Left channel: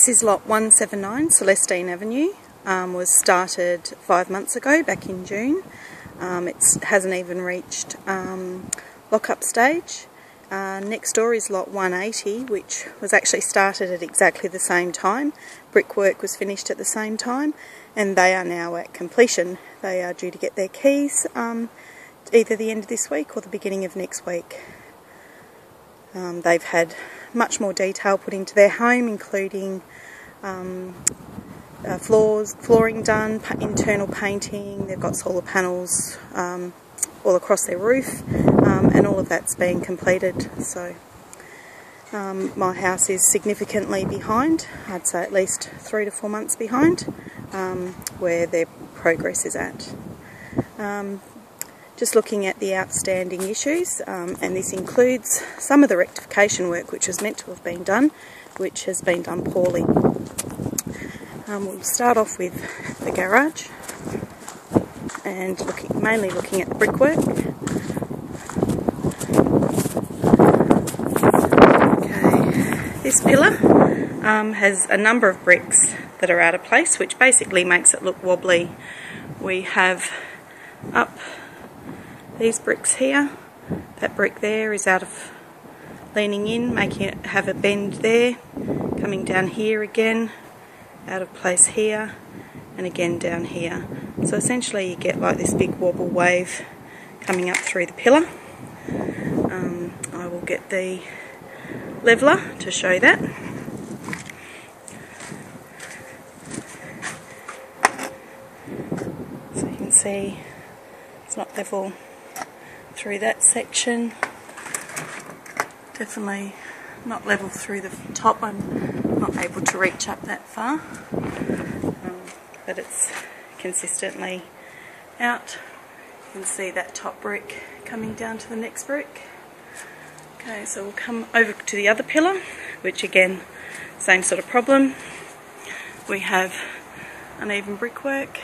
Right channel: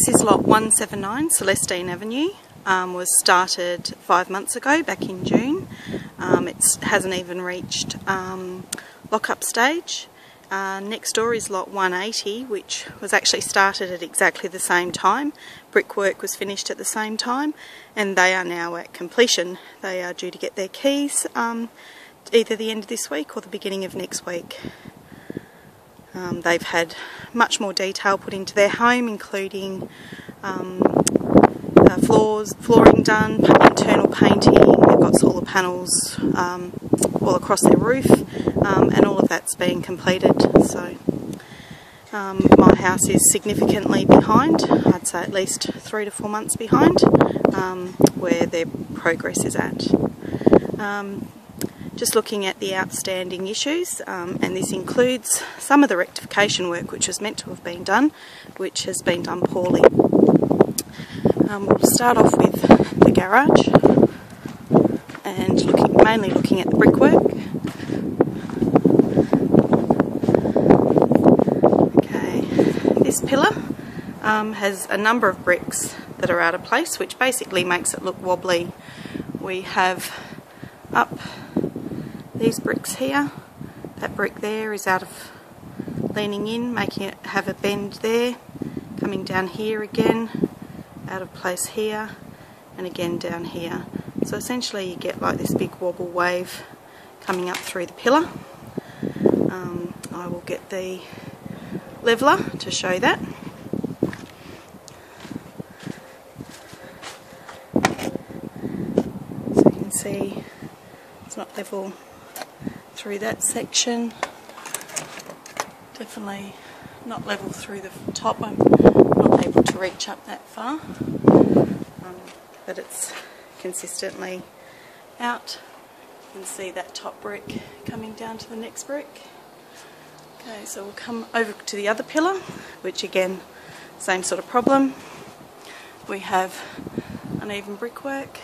This is lot 179 Celestine Avenue. Was started 5 months ago, back in June. It hasn't even reached lock-up stage. Next door is lot 180, which was actually started at exactly the same time. Brickwork was finished at the same time, and they are now at completion. They are due to get their keys either the end of this week or the beginning of next week. They've had much more detail put into their home, including flooring done, internal painting. They've got solar panels all across their roof, and all of that's been completed. So my house is significantly behind. I'd say at least 3 to 4 months behind where their progress is at. Just looking at the outstanding issues, and this includes some of the rectification work which was meant to have been done, which has been done poorly. We'll start off with the garage and mainly looking at the brickwork. Okay, this pillar has a number of bricks that are out of place, which basically makes it look wobbly. We have up these bricks here. That brick there is out of leaning in, making it have a bend there, coming down here again, out of place here, and again down here. So essentially you get like this big wobble wave coming up through the pillar. I will get the leveller to show that. So you can see it's not level through that section. Definitely not level through the top. I'm not able to reach up that far, but it's consistently out. You can see that top brick coming down to the next brick. Okay, so we'll come over to the other pillar, which again, same sort of problem. We have uneven brickwork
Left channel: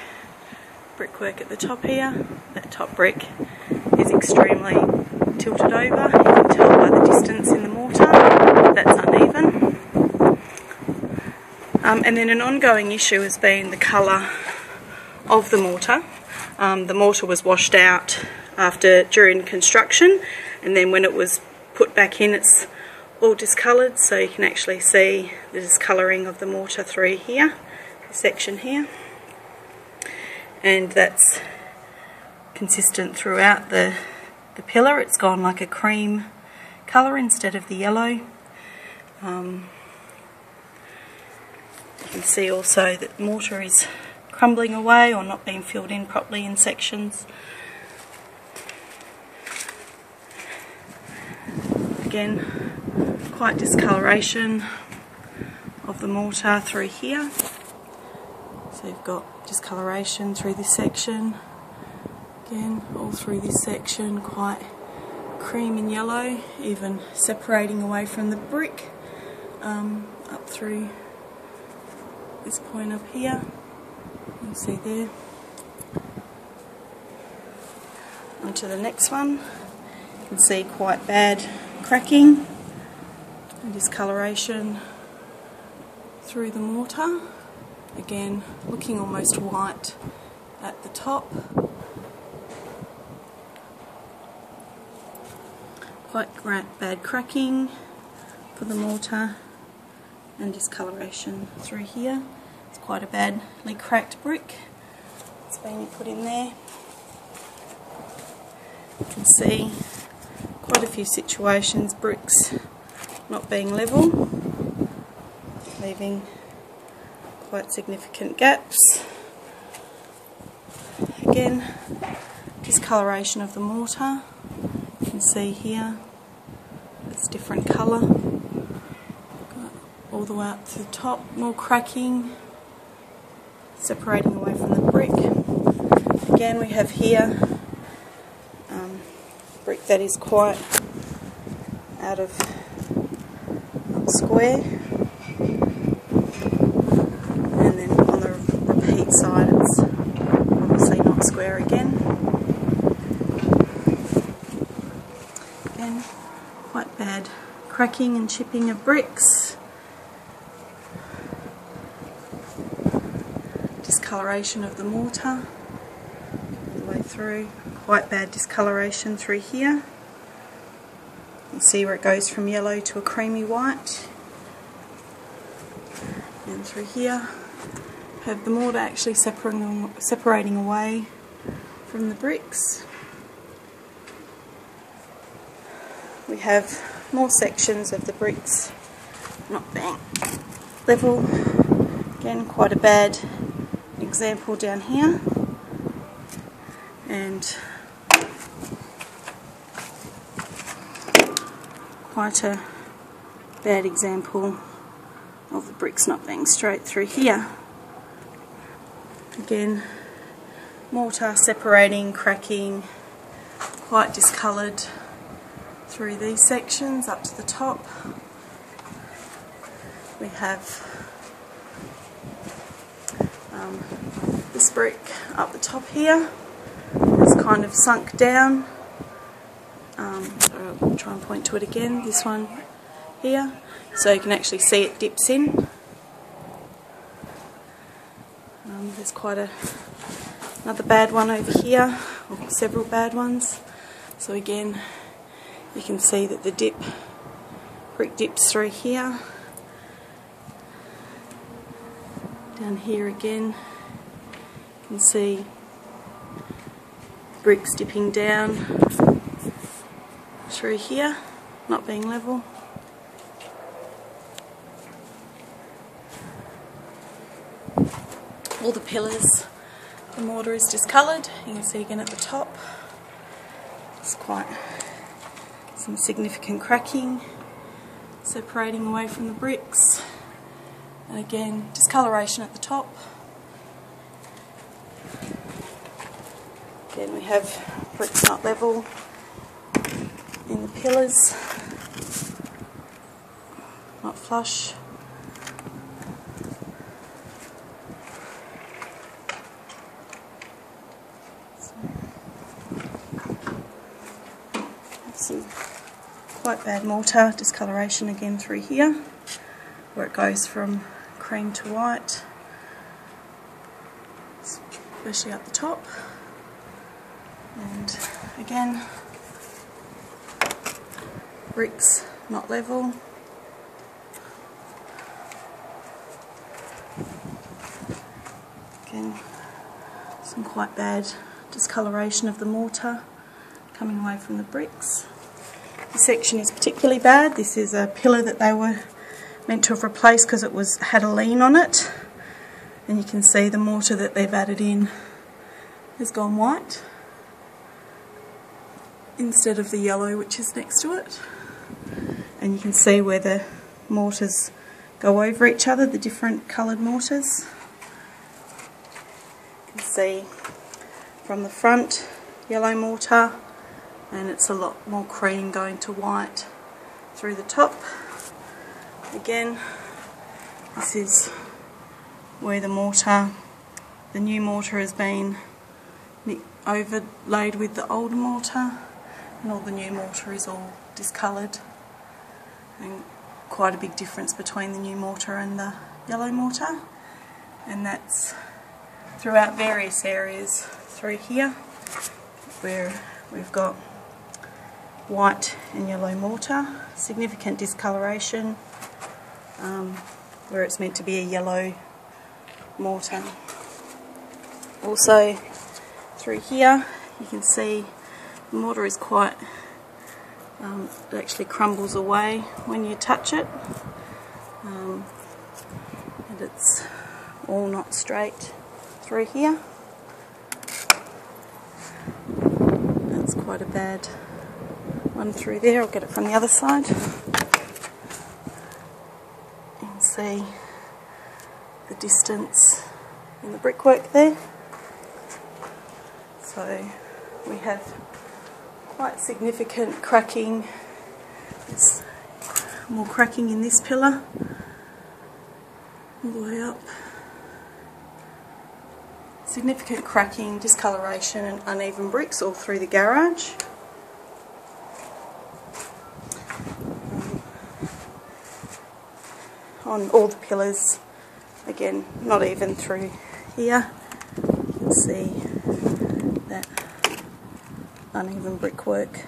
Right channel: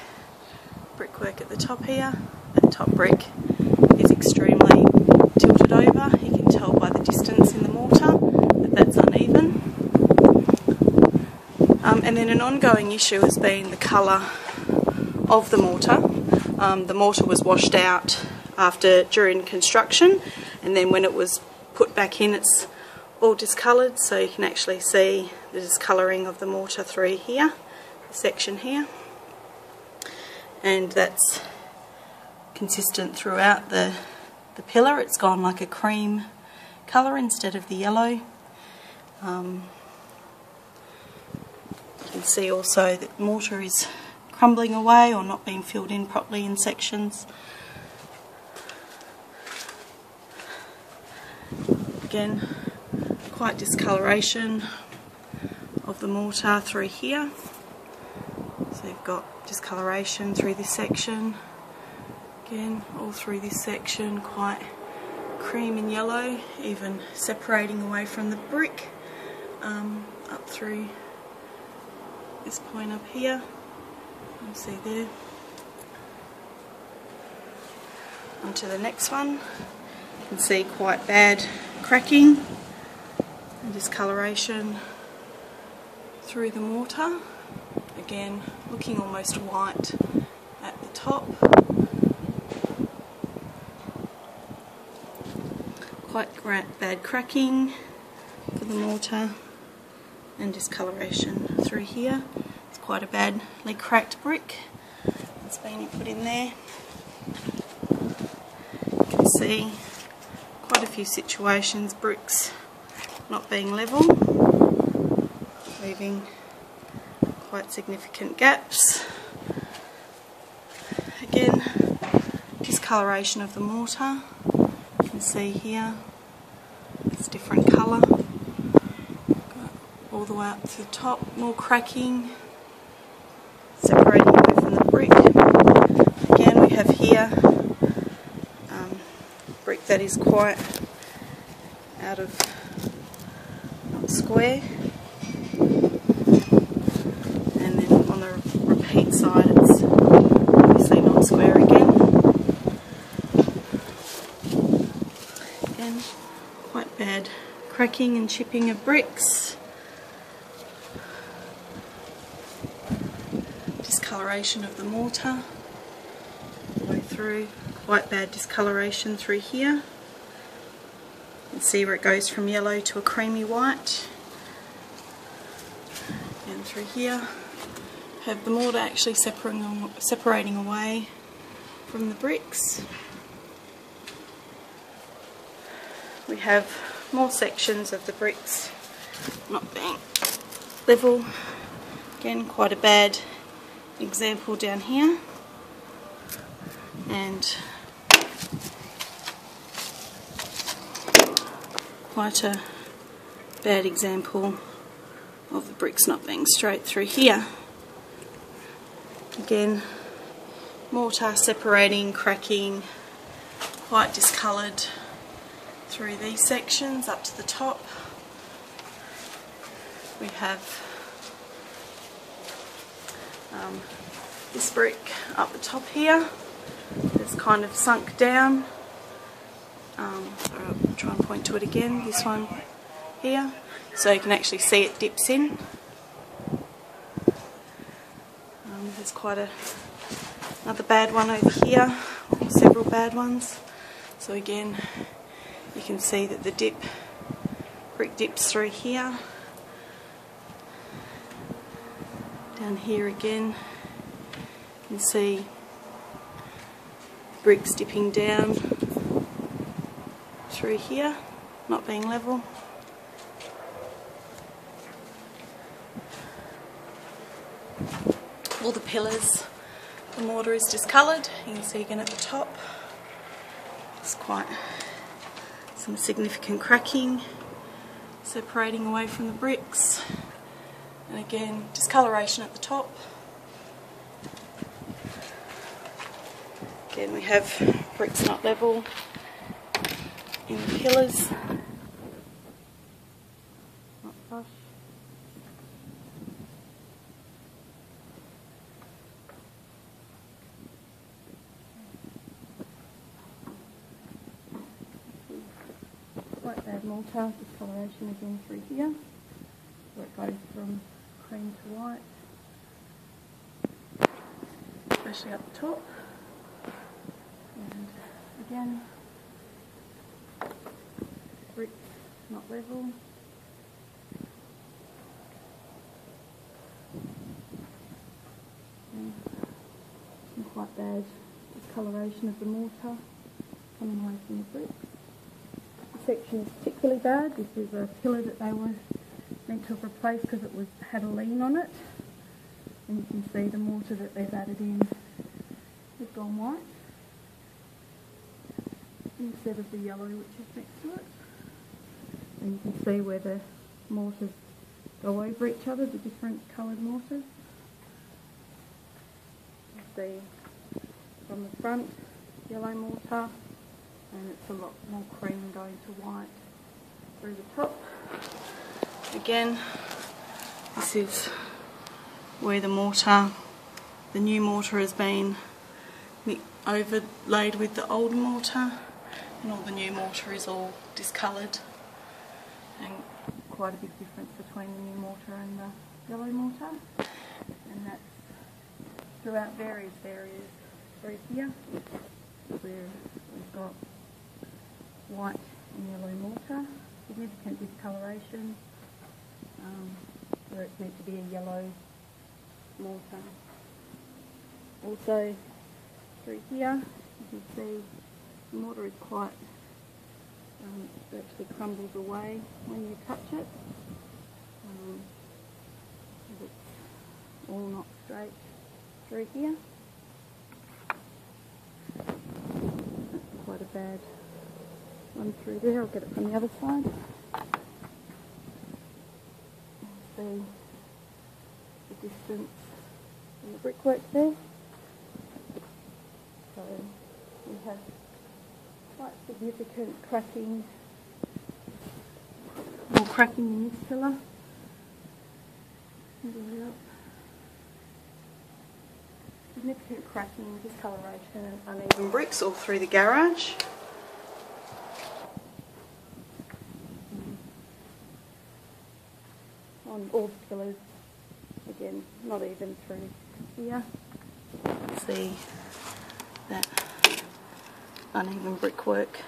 at the top here. That top brick is extremely tilted over. You can tell by the distance in the mortar that's uneven. And then an ongoing issue has been the colour of the mortar. The mortar was washed out during construction, and then when it was put back in, it's all discoloured, so you can actually see the discolouring of the mortar through here, this section here, and that's consistent throughout the pillar. It's gone like a cream colour instead of the yellow. You can see also that mortar is crumbling away or not being filled in properly in sections. Again, quite discoloration of the mortar through here. So you've got discoloration through this section. Again, all through this section, quite cream and yellow, even separating away from the brick, up through this point up here. You'll see there. Onto the next one. You can see quite bad cracking and discoloration through the mortar. Again, looking almost white at the top. Quite bad cracking for the mortar and discoloration through here. It's quite a badly cracked brick that's been put in there. You can see quite a few situations, bricks not being level, leaving quite significant gaps. Again, discoloration of the mortar. You can see here it's different colour. All the way up to the top, more cracking, separating away from the brick. Again, we have here brick that is quite out of square, and then on the repeat side it's obviously not square again. Again, quite bad cracking and chipping of bricks. discoloration of the mortar all the way through. Quite bad discoloration through here. You can see where it goes from yellow to a creamy white. And through here, have the mortar actually separating away from the bricks. We have more sections of the bricks not being level. Again, quite a bad example down here, and quite a bad example of the bricks not being straight through here. Again, mortar separating, cracking, quite discoloured through these sections up to the top. We have this brick up the top here. It's kind of sunk down. So I'll try and point to it again, this one here, so you can actually see it dips in. There's quite another bad one over here, or several bad ones. So again, you can see that the brick dips through here. Down here again, you can see bricks dipping down through here, not being level. All the pillars, the mortar is discoloured. You can see again at the top, it's quite some significant cracking, separating away from the bricks. And again, discoloration at the top. Again, we have bricks not level in the pillars, not flush. Some quite bad mortar discoloration again through here, where it goes from cream to white, especially up the top. And again, bricks not level. Again, some quite bad discoloration of the mortar coming away from the bricks. This section is particularly bad. This is a pillar that they were meant to have replaced because it had a lean on it, and you can see the mortar that they've added in has gone white instead of the yellow which is next to it. And you can see where the mortars go over each other, the different coloured mortars. You can see from the front, yellow mortar, and it's a lot more cream going to white through the top. Again, this is where the new mortar has been overlaid with the old mortar, and all the new mortar is all discoloured, and quite a big difference between the new mortar and the yellow mortar. And that's throughout various areas through here where we've got white and yellow mortar, significant discoloration where it's meant to be a yellow mortar. Also through here you can see the mortar is quite, it actually crumbles away when you touch it, and it's all not straight through here. That's quite a bad one through there. I'll get it from the other side. You can see the distance in the brickwork there. So we have quite significant cracking. There's more cracking in this pillar all the way up. Significant cracking, discoloration and uneven bricks all through the garage. On all the pillars, again not even through here. You can see that uneven brickwork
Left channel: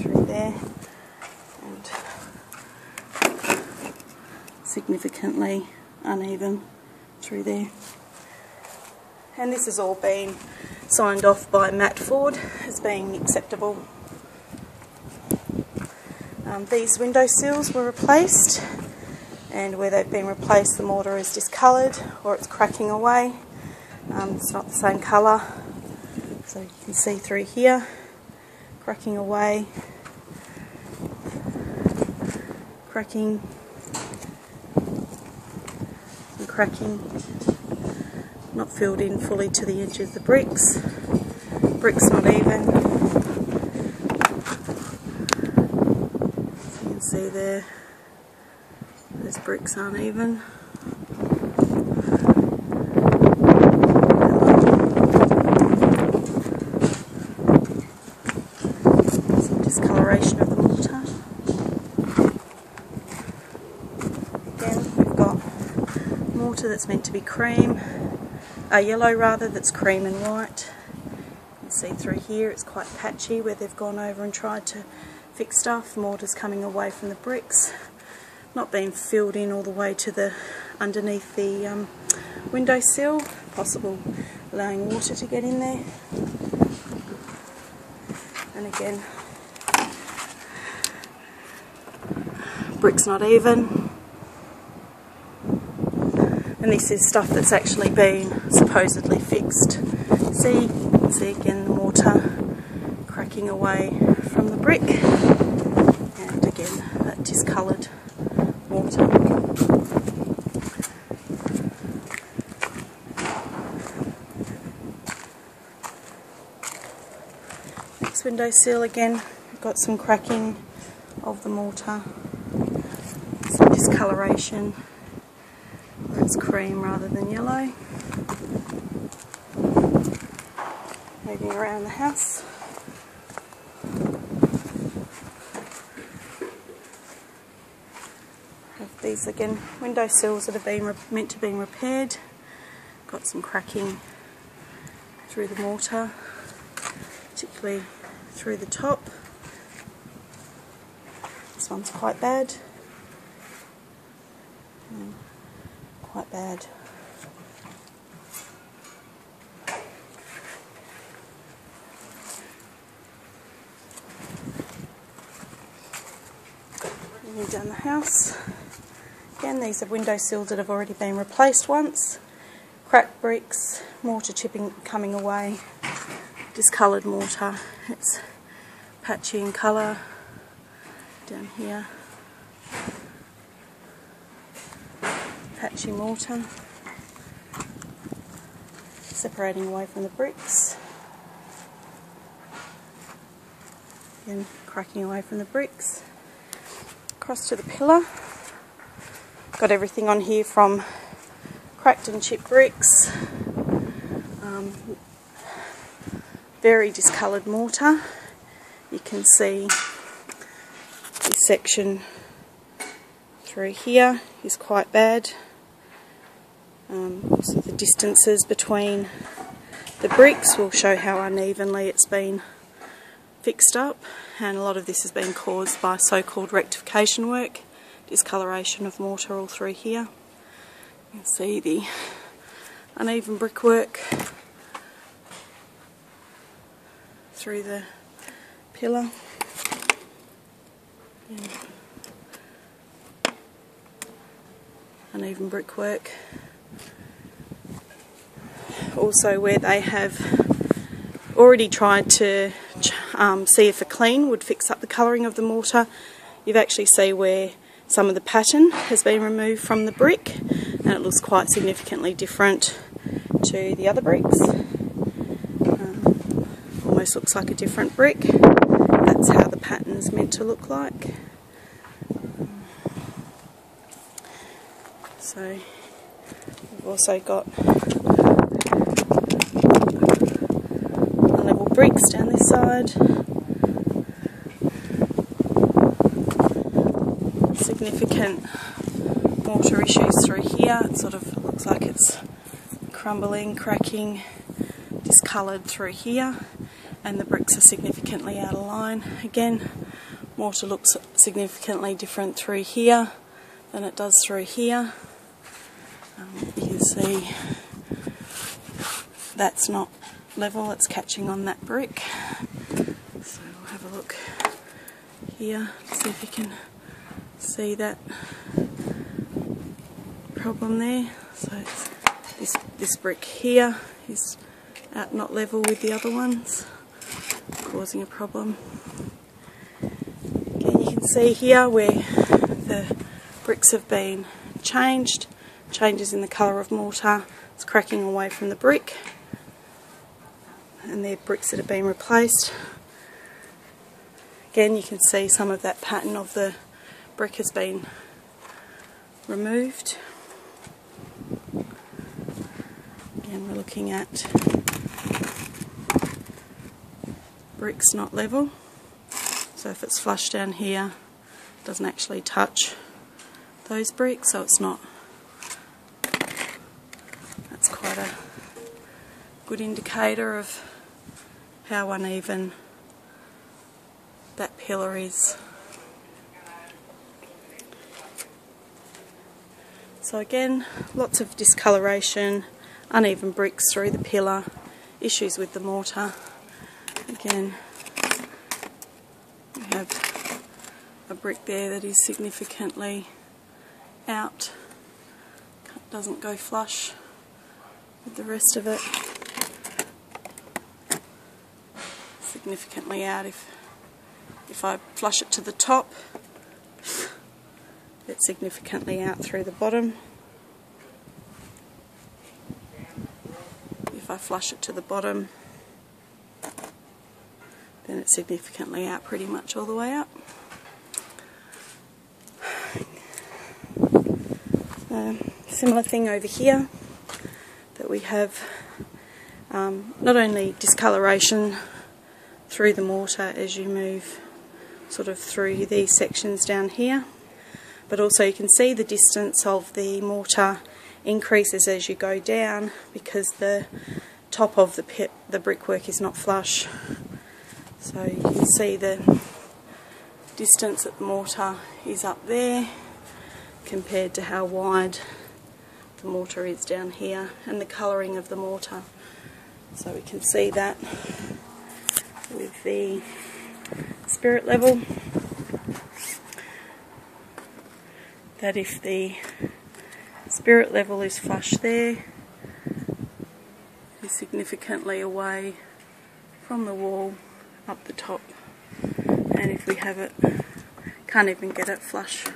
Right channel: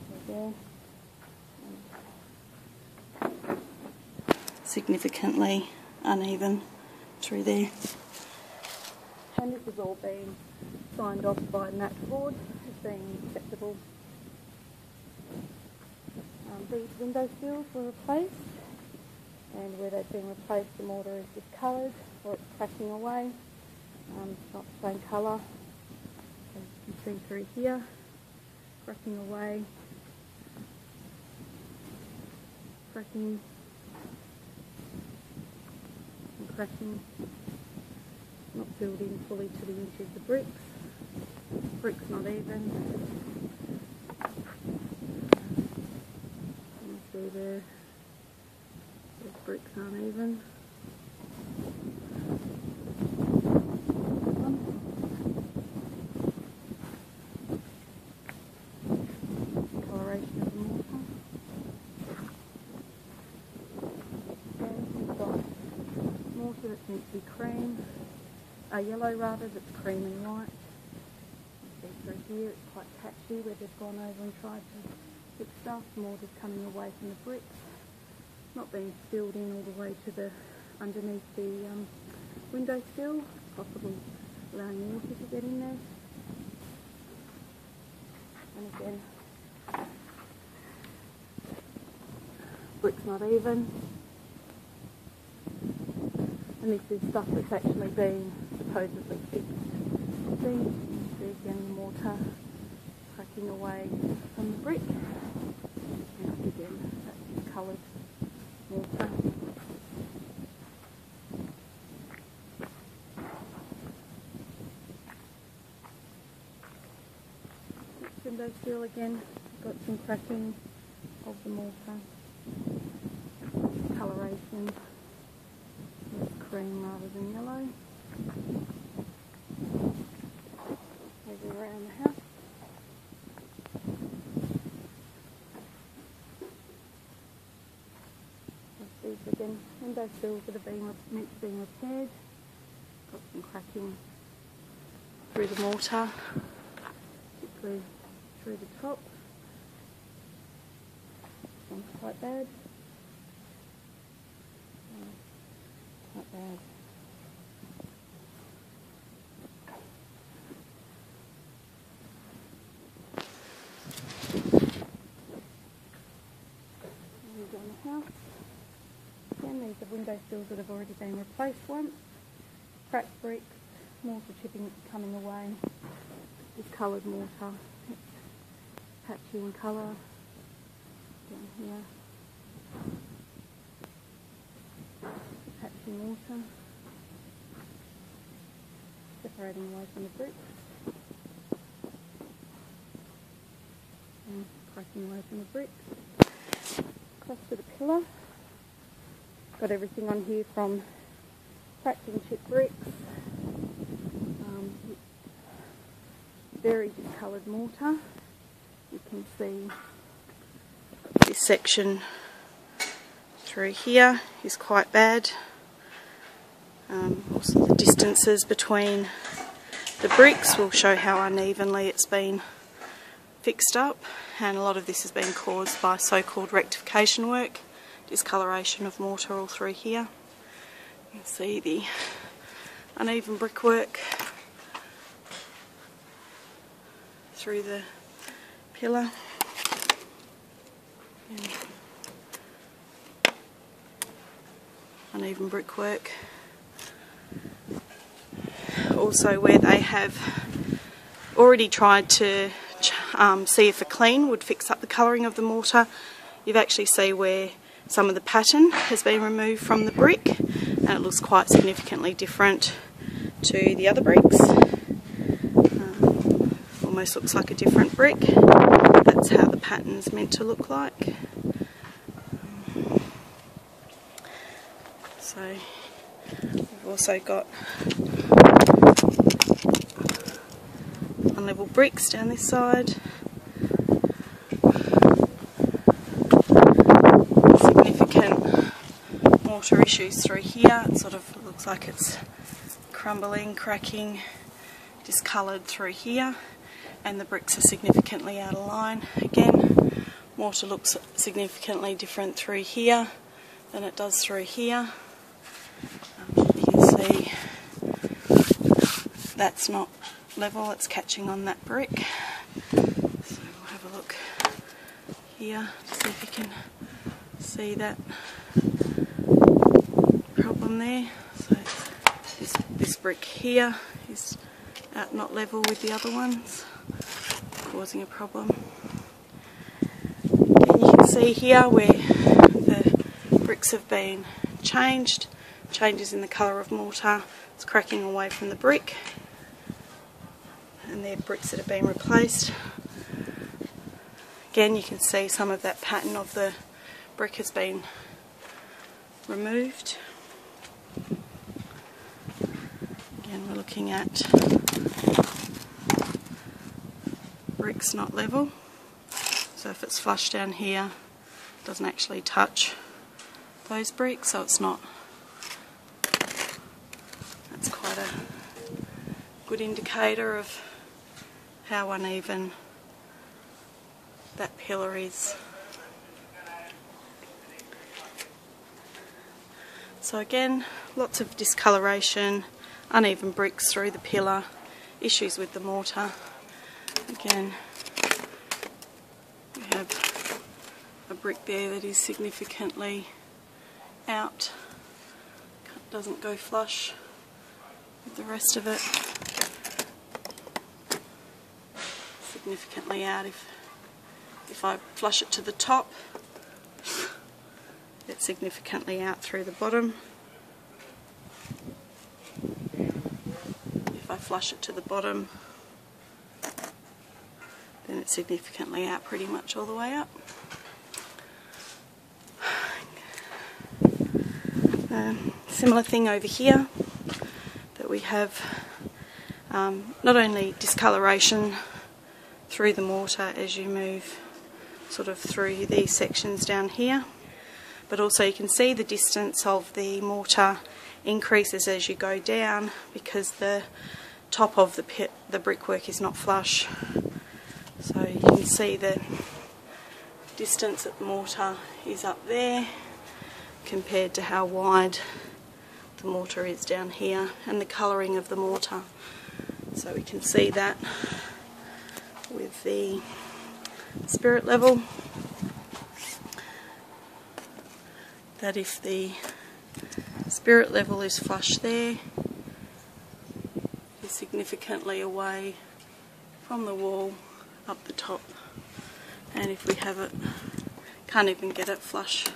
through there, and significantly uneven through there. And this has all been signed off by Matt Ford as being acceptable. These window sills were replaced, and where they've been replaced the mortar is discoloured or it's cracking away. It's not the same colour, so you can see through here, cracking away, cracking and cracking, not filled in fully to the edge of the bricks. Bricks not even. So you can see there, those bricks aren't even. Some discoloration of the mortar. Again, we've got mortar that's meant to be cream, yellow rather, that's cream and white. You can see through here it's quite patchy where they've gone over and tried to fix stuff. Mortar's coming away from the bricks, not being filled in all the way to the underneath the windowsill, possible allowing water to get in there. And again, bricks not even. And this is stuff that's actually been supposedly fixed. See again the mortar cracking away from the brick, and again that discoloured mortar. Next windowsill, again we've got some cracking of the mortar, some discoloration where it's cream rather than yellow. Moving around the house. These again, window sills that have been meant to be repaired. Got some cracking through the mortar, particularly through the top. This one's quite bad. Quite bad. Moving down the house. Again, these are window sills that have already been replaced once. Cracked bricks, mortar chipping coming away, discoloured mortar. It's patchy in colour down here. Patchy mortar. Separating away from the bricks. Again, cracking away from the bricks. Across to the pillar. Got everything on here from cracked and chipped bricks, very discoloured mortar. You can see this section through here is quite bad. Also the distances between the bricks will show how unevenly it's been fixed up, and a lot of this has been caused by so-called rectification work. Discoloration of mortar all through here. You can see the uneven brickwork through the pillar. And uneven brickwork. Also where they have already tried to see if a clean would fix up the colouring of the mortar, you actually see where some of the pattern has been removed from the brick, and it looks quite significantly different to the other bricks. Almost looks like a different brick. That's how the pattern's meant to look like. So we've also got unlevel bricks down this side. mortar issues through here. It sort of looks like it's crumbling, cracking, discoloured through here, and the bricks are significantly out of line. Again, mortar looks significantly different through here than it does through here. You can see that's not level, it's catching on that brick. So we'll have a look here, see if you can see that problem there. So it's this brick here is out not level with the other ones, causing a problem. Again, you can see here where the bricks have been changed, changes in the colour of mortar, it's cracking away from the brick, and they're bricks that have been replaced. Again, you can see some of that pattern of the brick has been removed. Again, we're looking at bricks not level. So if it's flush down here, it doesn't actually touch those bricks, so it's not. That's quite a good indicator of how uneven that pillar is. So again, lots of discoloration, uneven bricks through the pillar, issues with the mortar. Again, we have a brick there that is significantly out, doesn't go flush with the rest of it. Significantly out. If I flush it to the top, it's significantly out through the bottom. If I flush it to the bottom, then it's significantly out pretty much all the way up. Similar thing over here, that we have not only discoloration through the mortar as you move sort of through these sections down here, but also you can see the distance of the mortar increases as you go down because the top of the brickwork is not flush. So you can see the distance that the mortar is up there compared to how wide the mortar is down here, and the colouring of the mortar. So we can see that with the spirit level, that if the spirit level is flush there, is significantly away from the wall up the top, and if we have it, can't even get it flush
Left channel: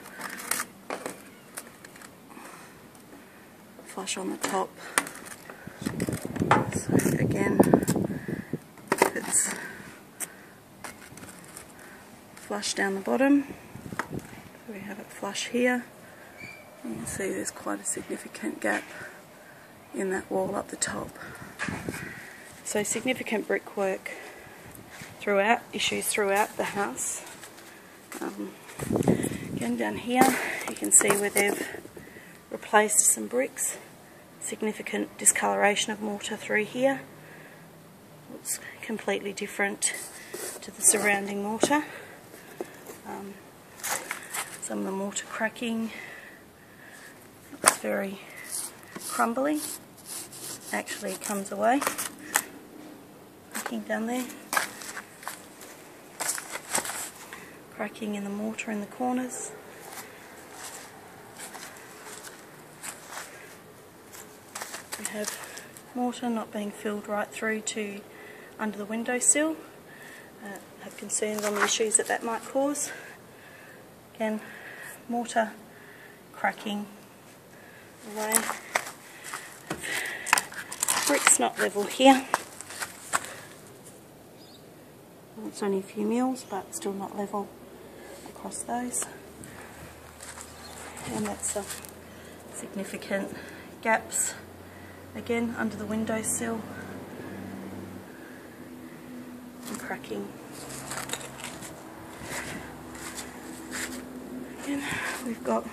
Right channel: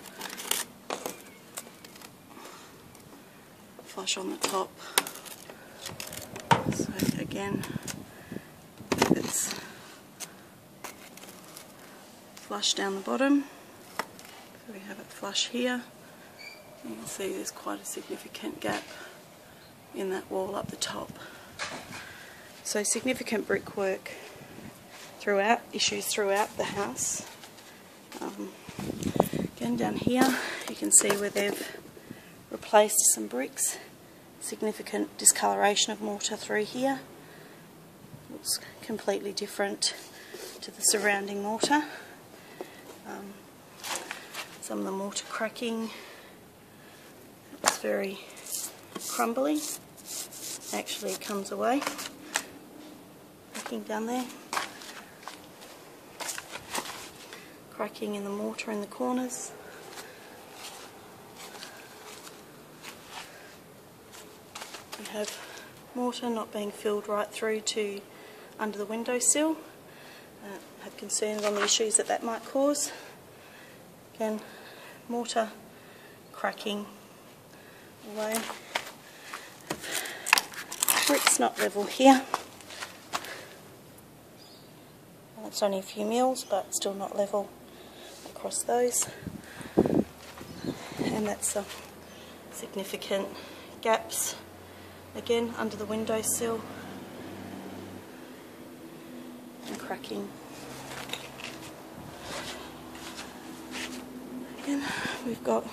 on the top. So again, it's flush down the bottom, so we have it flush here. You can see there's quite a significant gap in that wall up the top. So significant brickwork throughout, issues throughout the house. Again, down here you can see where they've replaced some bricks, significant discoloration of mortar through here. Looks completely different to the surrounding mortar. Some of the mortar cracking, it's very crumbly. Actually it comes away, looking down there. Cracking in the mortar in the corners. We have mortar not being filled right through to under the windowsill. Have concerns on the issues that might cause. Again, mortar cracking away. Bricks not level here. Well, it's only a few mils, but still not level across those. And that's significant gaps again under the windowsill and cracking. Again, we've got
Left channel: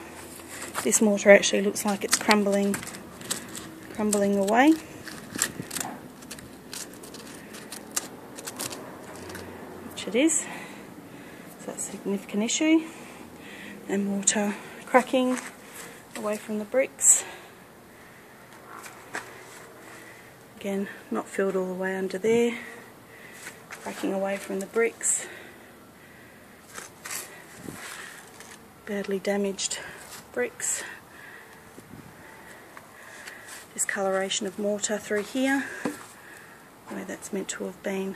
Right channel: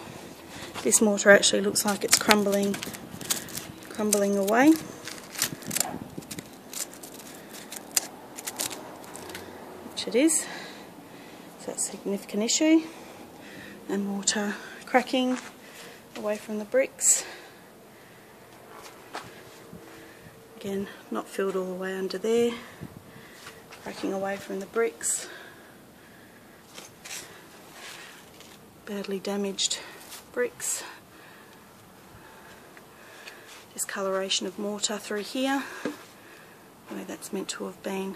this mortar actually looks like it's crumbling away. Which it is. So that's a significant issue. And mortar cracking away from the bricks. Again, not filled all the way under there. Cracking away from the bricks. Badly damaged bricks. Discoloration of mortar through here, where that's meant to have been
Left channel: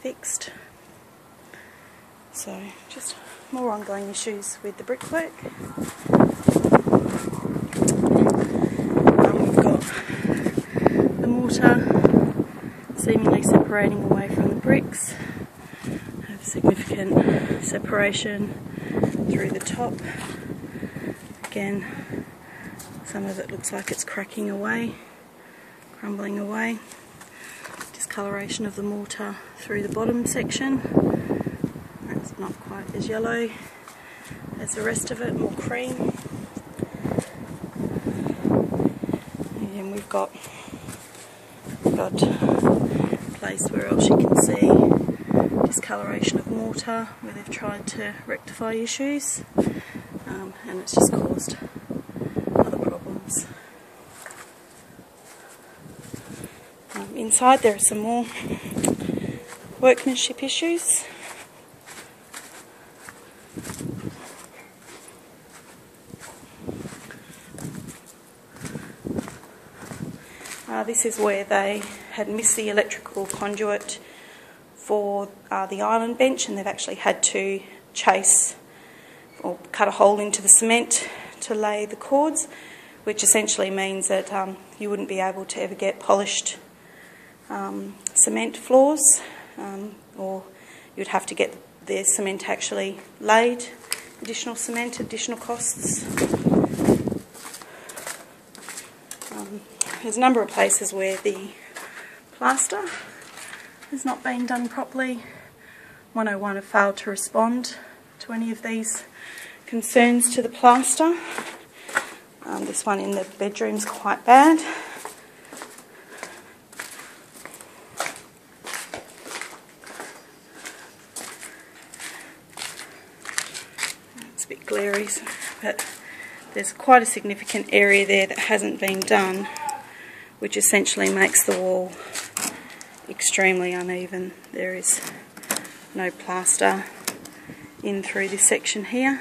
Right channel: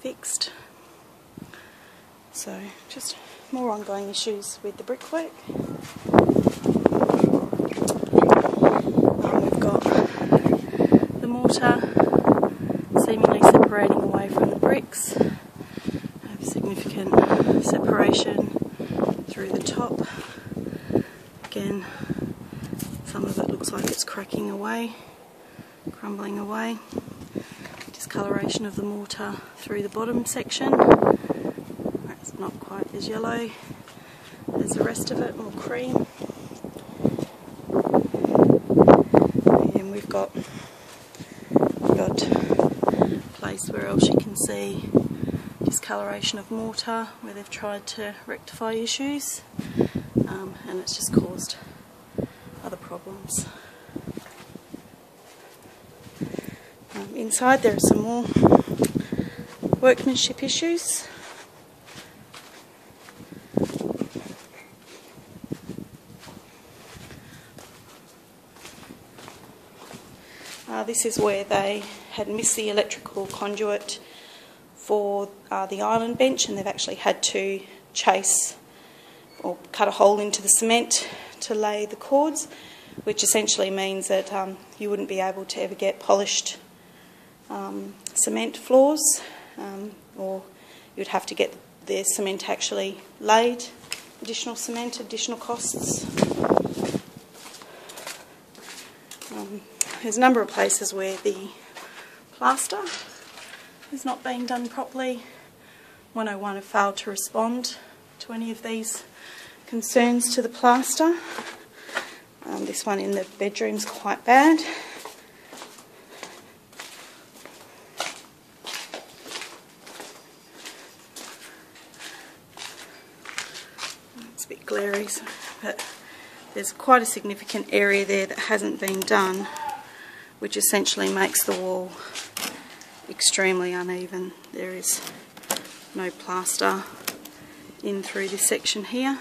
fixed. So just more ongoing issues with the brickwork. We've got the mortar seemingly separating away from the bricks. Have significant separation through the top. Again, some of it looks like it's cracking away, crumbling away. Discoloration of the mortar through the bottom section. That's not quite as yellow as the rest of it, more cream. And we've got a place where else you can see discoloration of mortar where they've tried to rectify issues, and it's just caused other problems. Inside there are some more workmanship issues. This is where they had missed the electrical conduit for the island bench, and they've actually had to chase or cut a hole into the cement to lay the cords, which essentially means that you wouldn't be able to ever get polished cement floors, or you'd have to get the cement actually laid. Additional cement, additional costs. There's a number of places where the plaster has not been done properly. 101 have failed to respond to any of these concerns to the plaster. This one in the bedroom's quite bad. It's a bit glary, but there's quite a significant area there that hasn't been done, which essentially makes the wall extremely uneven. There is no plaster in through this section here,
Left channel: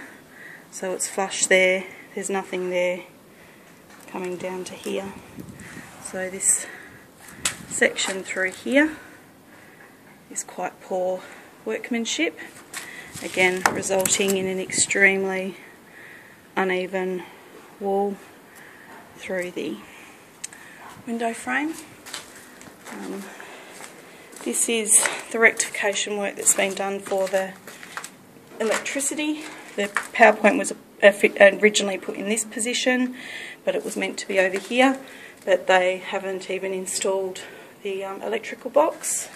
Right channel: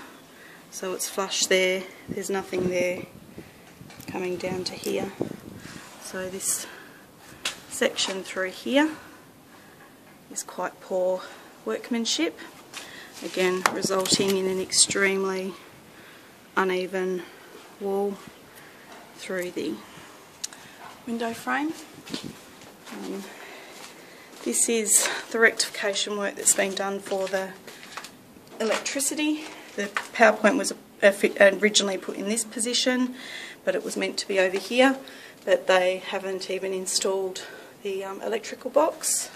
so it's flush there. There's nothing there coming down to here. So this section through here is quite poor workmanship, again resulting in an extremely uneven wall through the window frame. This is the rectification work that's been done for the electricity. The power point was originally put in this position, but it was meant to be over here, but they haven't even installed the electrical box.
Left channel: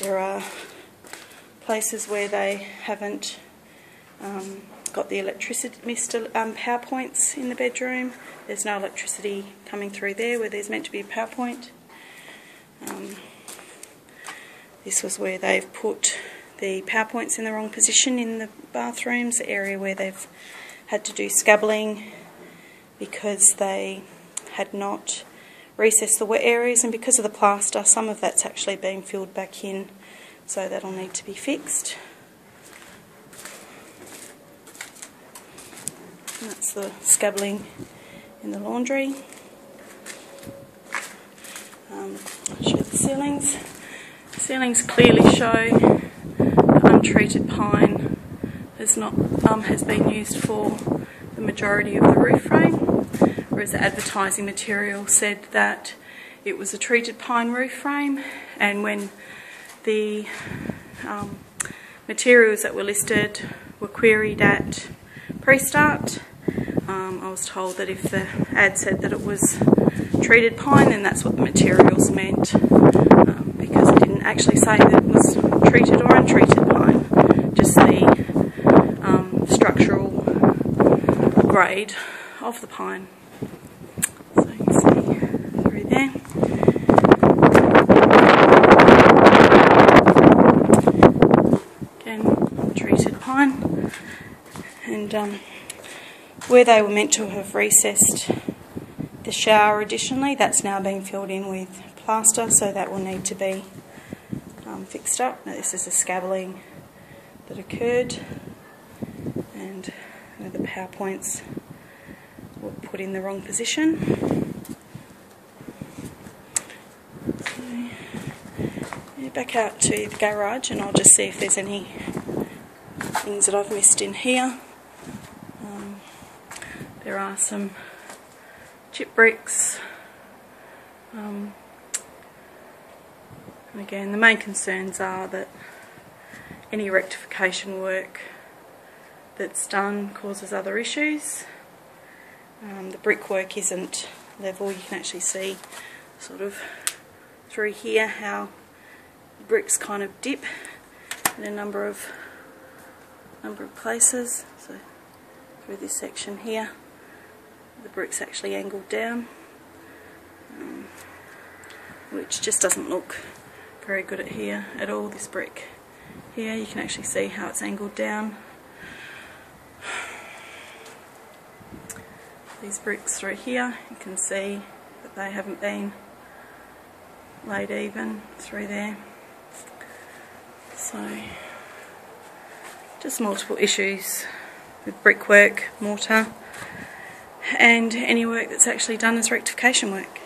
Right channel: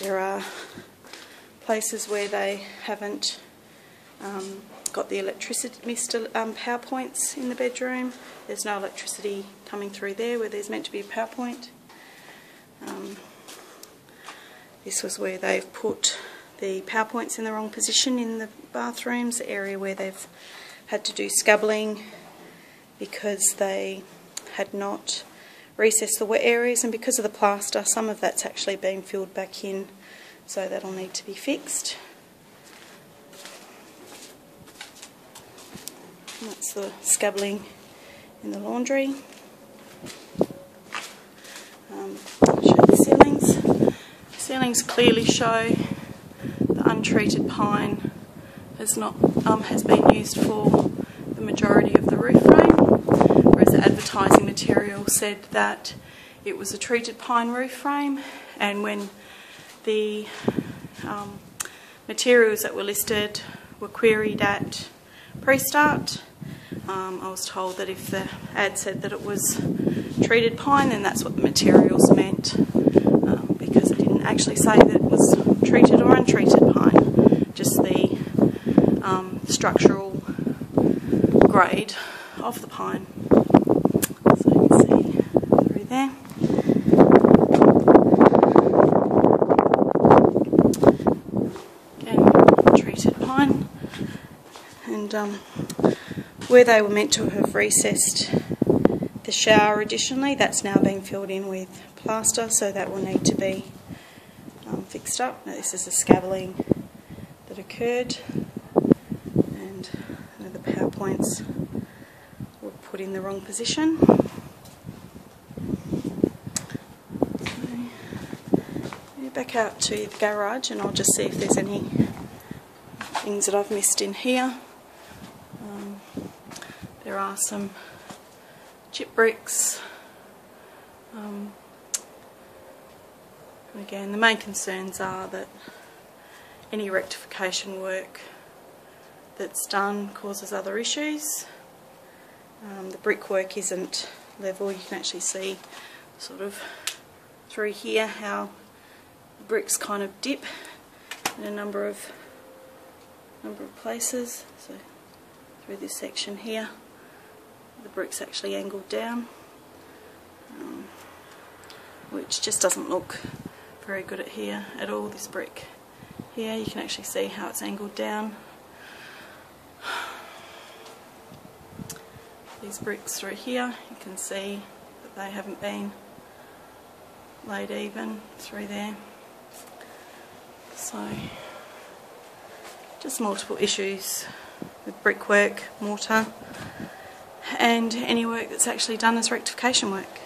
There are places where they haven't got the electricity, missed power points in the bedroom. There's no electricity coming through there where there's meant to be a power point. This was where they've put the power points in the wrong position in the bathrooms, the area where they've had to do scabbling because they had not recessed the wet areas, and because of the plaster some of that's actually been filled back in, so that'll need to be fixed. And that's the scabbling in the laundry. Show the ceilings. The ceilings clearly show the untreated pine has been used for the majority of the roof frame, whereas the advertising material said that it was a treated pine roof frame, and when the materials that were listed were queried at pre-start, I was told that if the ad said that it was treated pine, then that's what the materials meant, because it didn't actually say that it was treated or untreated. grade of the pine. So you can see through there. Again, treated pine. And where they were meant to have recessed the shower additionally, that's now been filled in with plaster, so that will need to be fixed up. Now this is a scabbling that occurred, and the power points were put in the wrong position. So, yeah, back out to the garage, and I'll just see if there's any things that I've missed in here. There are some chip bricks. And again, the main concerns are that any rectification work that's done causes other issues. The brickwork isn't level. You can actually see sort of through here how bricks kind of dip in a number of places. So through this section here, the brick's actually angled down, which just doesn't look very good at here at all. This brick here, you can actually see how it's angled down. These bricks through here, you can see that they haven't been laid even through there. So just multiple issues with brickwork, mortar, and any work that's actually done as rectification work.